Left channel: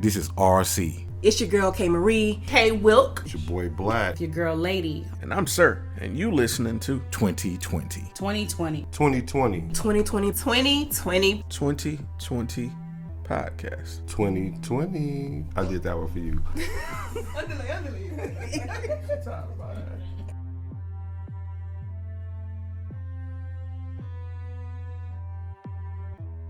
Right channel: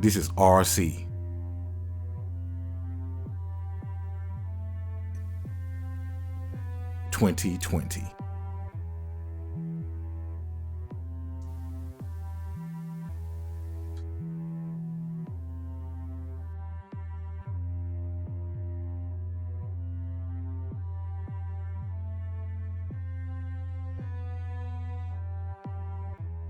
This is RC. It's your girl K Marie. Hey Wilk. It's your boy Black. It's your girl Lady. And I'm Sirr, and you listening to 2020. 2020. 2020. 2020. 2020. 2020 podcast. 2020. I did that one for you.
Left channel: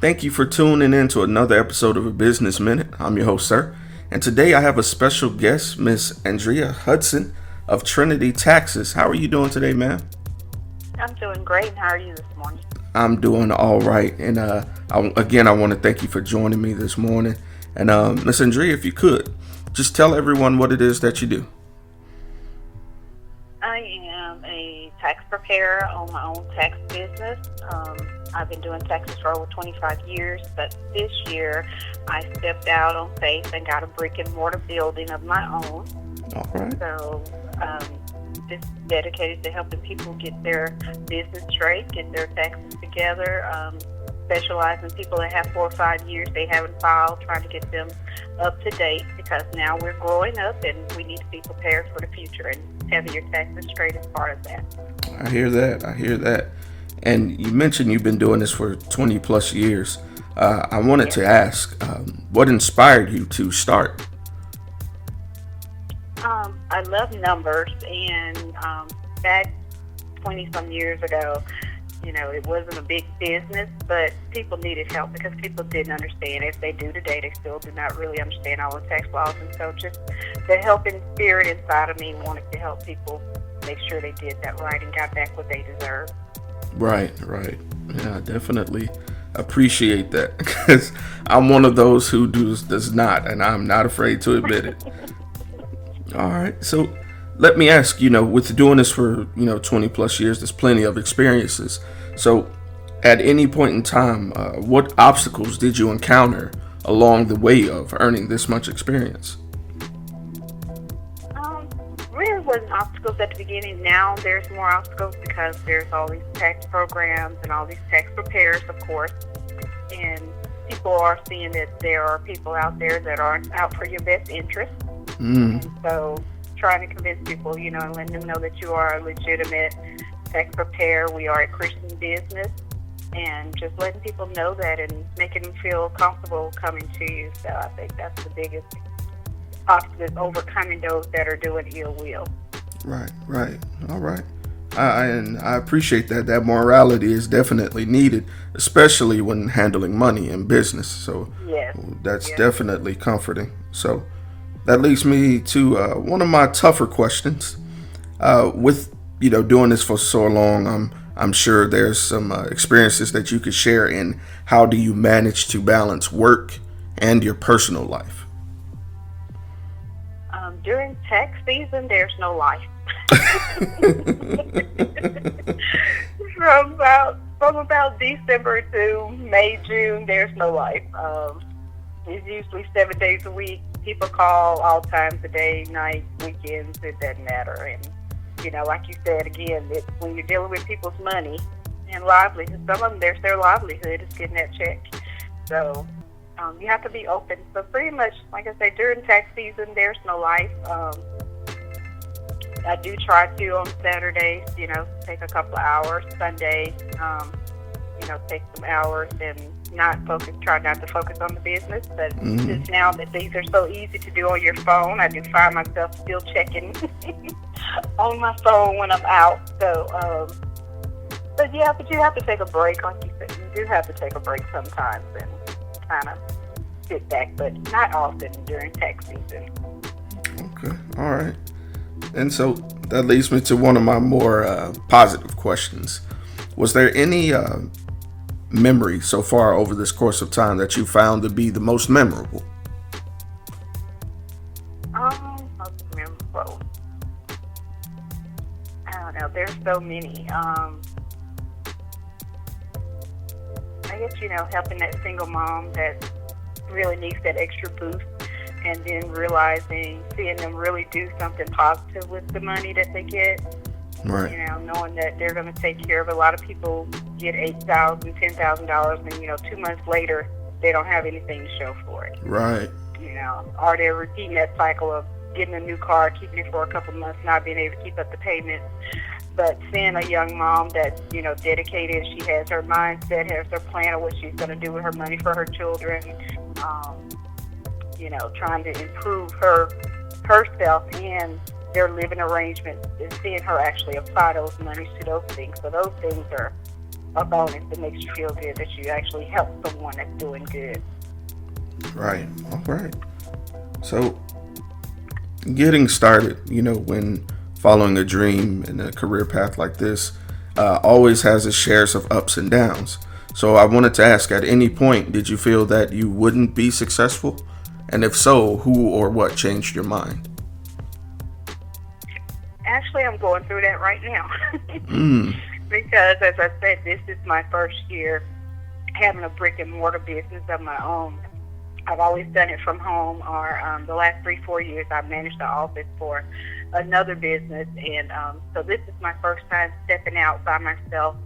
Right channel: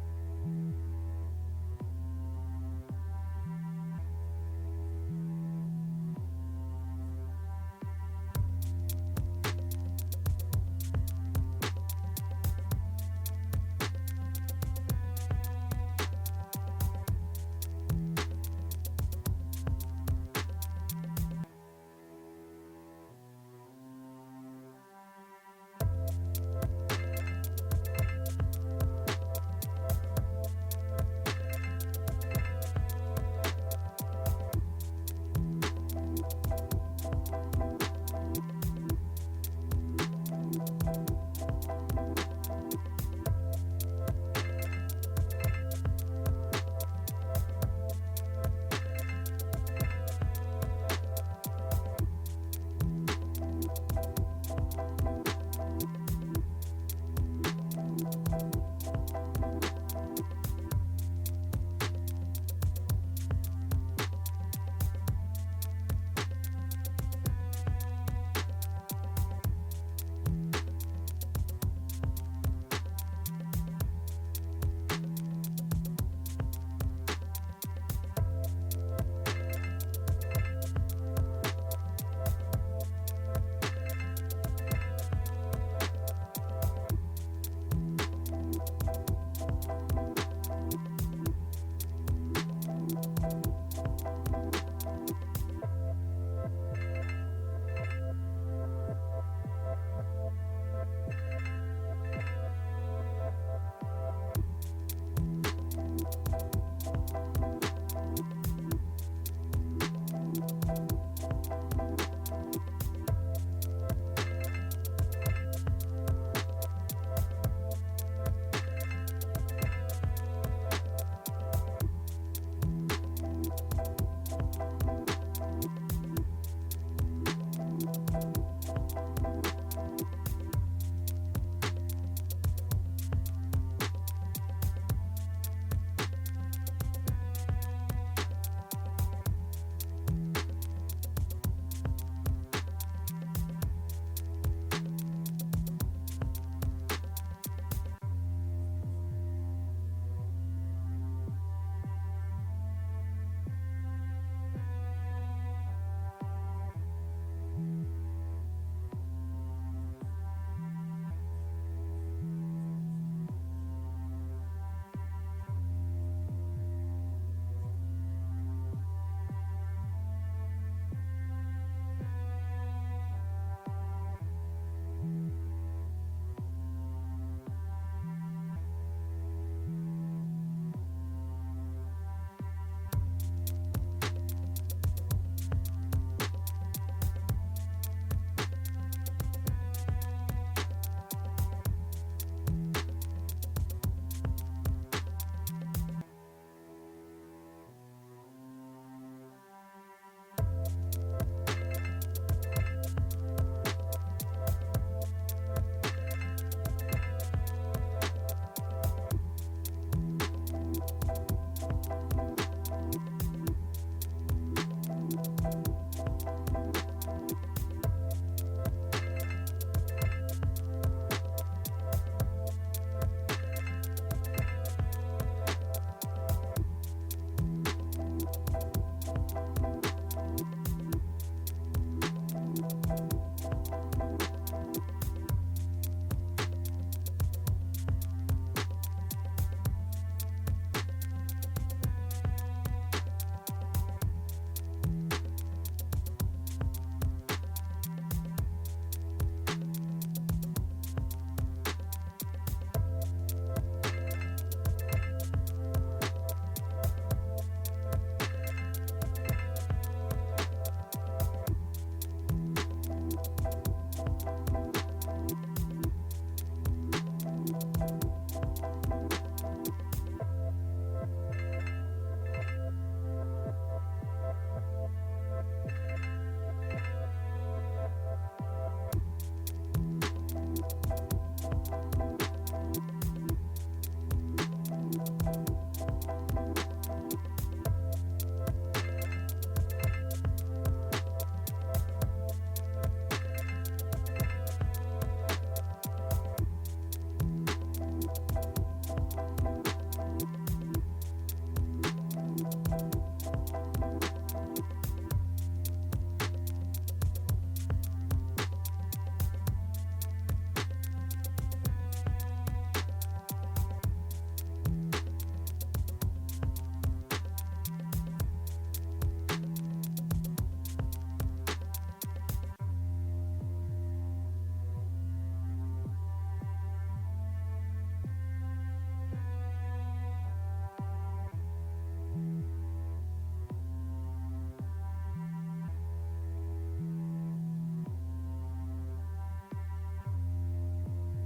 Thank you for tuning in to another episode of A Business Minute. I'm your host, Sirr, and today I have a special guest, Miss Andrea Hudson of Trinity Taxes. How are you doing today, ma'am? I'm doing great. How are you this morning? I'm doing all right, and I want to thank you for joining me this morning. And Miss Andrea, if you could, just tell everyone what it is that you do. I am a tax preparer on my own tax business. I've been doing taxes for over 25 years, but this year I stepped out on faith and got a brick and mortar building of my own. All right. So it's dedicated to helping people get their business straight, get their taxes together, specialize in people that have 4 or 5 years they haven't filed, trying to get them up to date, because now we're growing up and we need to be prepared for the future, and having your taxes straight is part of that. I hear that. And you mentioned you've been doing this for 20 plus years. I wanted to ask, what inspired you to start? I love numbers, and back 20-some years ago, it wasn't a big business, but people needed help because people didn't understand. If they do today, they still do not really understand all the tax laws. And so just the helping spirit inside of me wanted to help people make sure they did that right and got back what they deserve. Right. Yeah, I definitely appreciate that, because I'm one of those who does not, and I'm not afraid to admit it. All right, so let me ask, with doing this for 20 plus years, there's plenty of experiences. So at any point in time, what obstacles did you encounter along the way of earning this much experience? Really wasn't obstacles at the beginning. Now there's more obstacles because there's all these tax programs and all these tax preparers, of course, and people are seeing that there are people out there that aren't out for your best interest. And so trying to convince people, and letting them know that you are a legitimate tax preparer. We are a Christian business, and just letting people know that and making them feel comfortable coming to you. So I think that's the biggest obstacle, overcoming those that are doing ill will. Right. All right. And I appreciate that. That morality is definitely needed, especially when handling money in business. So yes. That's definitely comforting. So that leads me to one of my tougher questions. With doing this for so long, I'm sure there's some experiences that you could share in how do you manage to balance work and your personal life? During tax season, there's no life. From about December to May, June, there's no life. It's usually 7 days a week. People call all times of day, night, weekends. It doesn't matter. And like you said again, when you're dealing with people's money and livelihood, some of them, there's their livelihood is getting that check. So you have to be open. So pretty much, like I said, during tax season, there's no life. I do try to on Saturdays, take a couple of hours. Sundays, take some hours and try not to focus on the business. But just now that these are so easy to do on your phone, I do find myself still checking on my phone when I'm out. So, but you have to take a break. Like you said, you do have to take a break sometimes and kind of sit back, but not often during tax season. Okay, all right. And so that leads me to one of my more positive questions. Was there any memory so far over this course of time that you found to be the most memorable? Most memorable. I don't know. There's so many. I guess, helping that single mom that really needs that extra boost, and then seeing them really do something positive with the money that they get. Right. Knowing that they're going to take care of. A lot of people get $8,000, $10,000, and 2 months later they don't have anything to show for it. Right. or they're repeating that cycle of getting a new car, keeping it for a couple months, not being able to keep up the payments. But seeing a young mom that's, dedicated, she has her mindset, has her plan of what she's going to do with her money for her children, trying to improve herself and their living arrangements, and seeing her actually apply those monies to those things. So those things are a bonus that makes you feel good that you actually help someone that's doing good. Right. All right. So getting started, when following a dream and a career path like this, always has its shares of ups and downs. So I wanted to ask, at any point, did you feel that you wouldn't be successful? And if so, who or what changed your mind? Actually, I'm going through that right now. Because, as I said, this is my first year having a brick and mortar business of my own. I've always done it from home, or the last 3-4 years I've managed the office for another business, and so this is my first time stepping out by myself.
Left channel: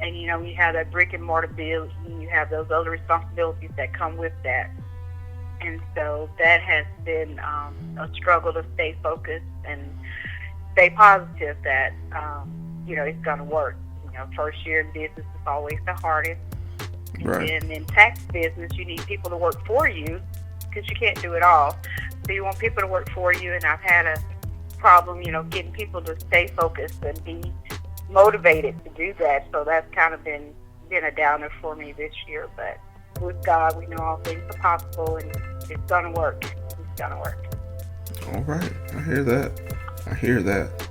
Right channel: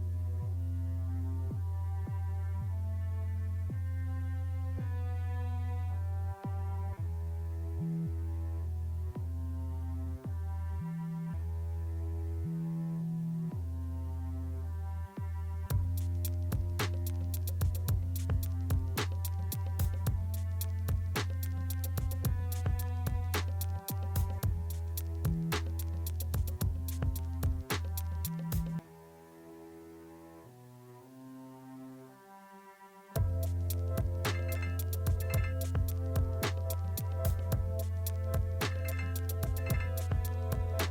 And you have that brick and mortar bill, and you have those other responsibilities that come with that. And so that has been a struggle to stay focused and stay positive that it's going to work. First year in business is always the hardest. Right. And in tax business, you need people to work for you because you can't do it all. So you want people to work for you, and I've had a problem, getting people to stay focused and be motivated to do that. So that's kind of been a downer for me this year. But with God, we know all things are possible, and it's going to work. It's going to work. All right. I hear that.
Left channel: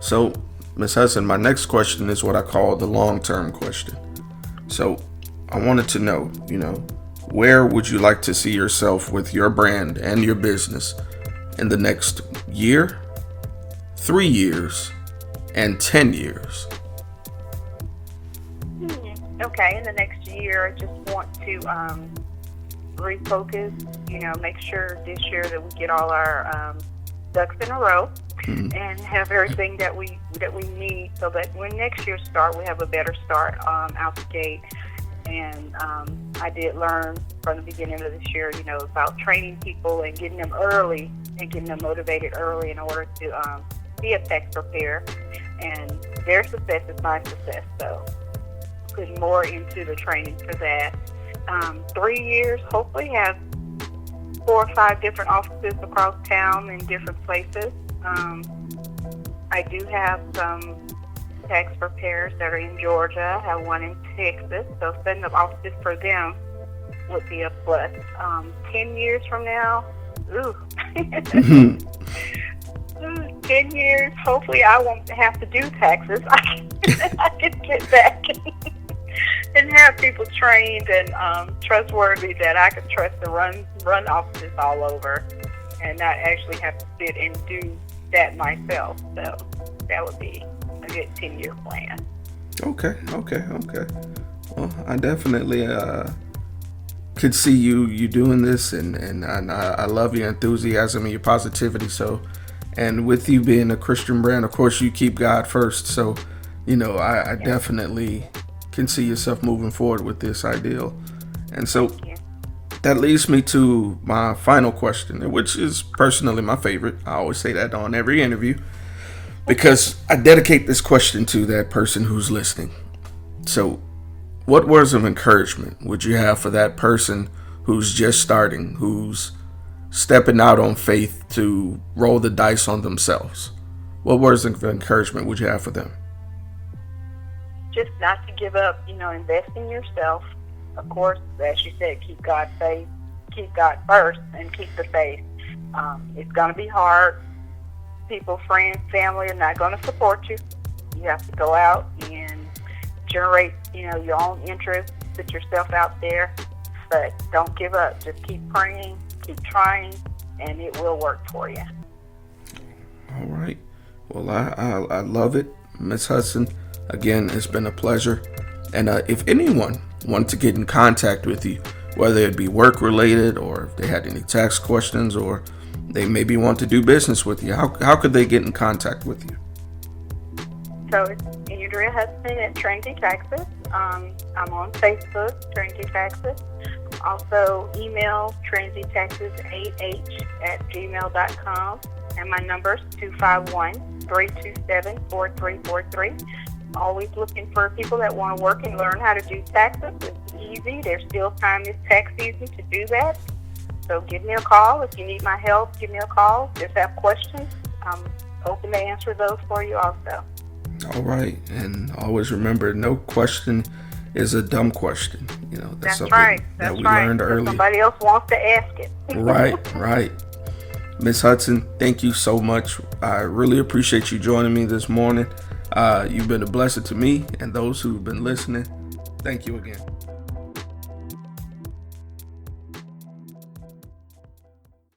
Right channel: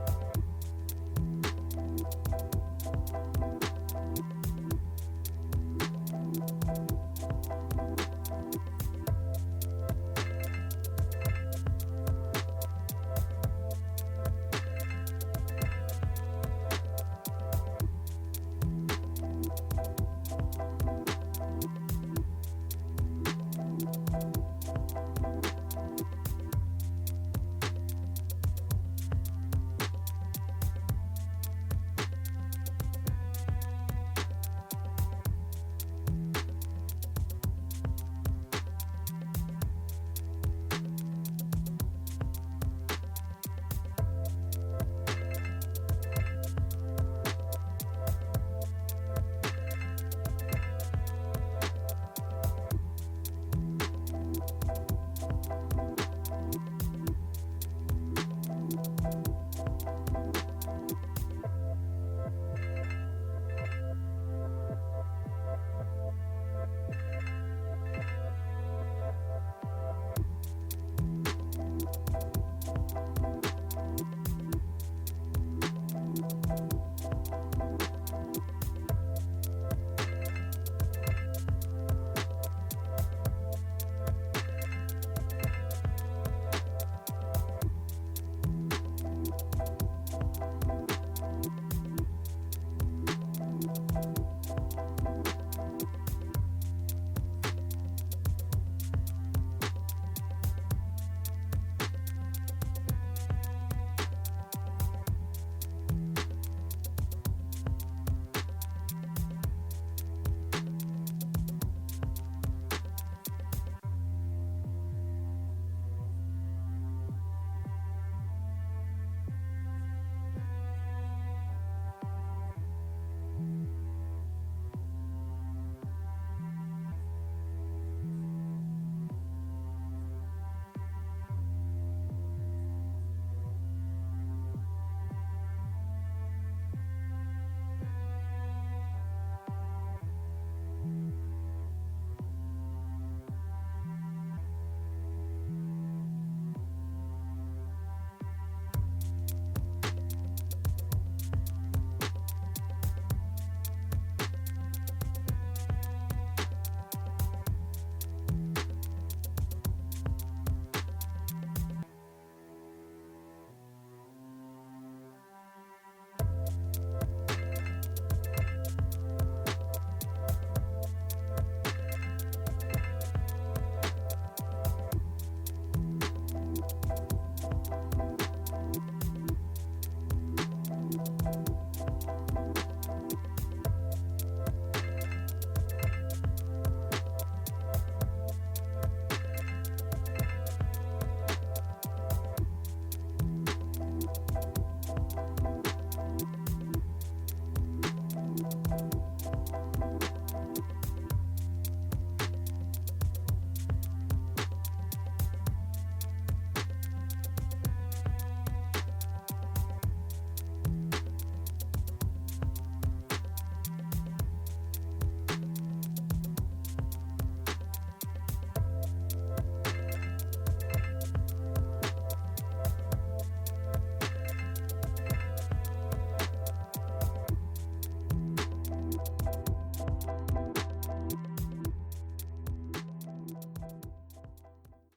So, Ms. Hudson, my next question is what I call the long-term question. So I wanted to know, where would you like to see yourself with your brand and your business in the next year, 3 years, and 10 years? Okay, in the next year, I just want to refocus, make sure this year that we get all our ducks in a row and have everything that we need, so that when next year starts, we have a better start out the gate. And I did learn from the beginning of this year, about training people and getting them early and getting them motivated early in order to be a tax preparer. And their success is my success. So putting more into the training for that. 3 years, hopefully have 4 or 5 different offices across town in different places. I do have some tax preparers that are in Georgia. I have one in Texas, so setting up offices for them would be a plus. 10 years from now, 10 years, hopefully I won't have to do taxes. I can get back and have people trained and trustworthy that I can trust to run offices all over, and not actually have to sit and do that myself. So that would be a good 10-year plan. Okay. Well, I definitely could see you doing this, and I love your enthusiasm and your positivity. So, and with you being a Christian brand, of course, you keep God first. So, I definitely can see yourself moving forward with this ideal. And so that leads me to my final question, which is personally my favorite. I always say that on every interview, because I dedicate this question to that person who's listening. So what words of encouragement would you have for that person who's just starting, who's stepping out on faith to roll the dice on themselves? What words of encouragement would you have for them? Just not to give up, invest in yourself. Of course, as you said, keep God first, and keep the faith. It's going to be hard. People, friends, family are not going to support you. You have to go out and generate, your own interests, put yourself out there, but don't give up. Just keep praying, keep trying, and it will work for you. All right. Well, I love it, Ms. Hudson. Again, it's been a pleasure. And if anyone wanted to get in contact with you, whether it be work related, or if they had any tax questions, or they maybe want to do business with you, how could they get in contact with you? So it's Andrea Hudson at Trinity Taxes. I'm on Facebook, Trinity Taxes. Also, email transitaxes8h@gmail.com. And my number is 251-327-4343. Always looking for people that want to work and learn how to do taxes. It's easy. There's still time this tax season to do that. So give me a call. If you need my help, give me a call. If you have questions, I'm open to answer those for you also. All right. And always remember, no question is a dumb question. You know, that's something right. that we right. learned early. Somebody else wants to ask it. Right. Miss Hudson, thank you so much. I really appreciate you joining me this morning. You've been a blessing to me and those who've been listening. Thank you again.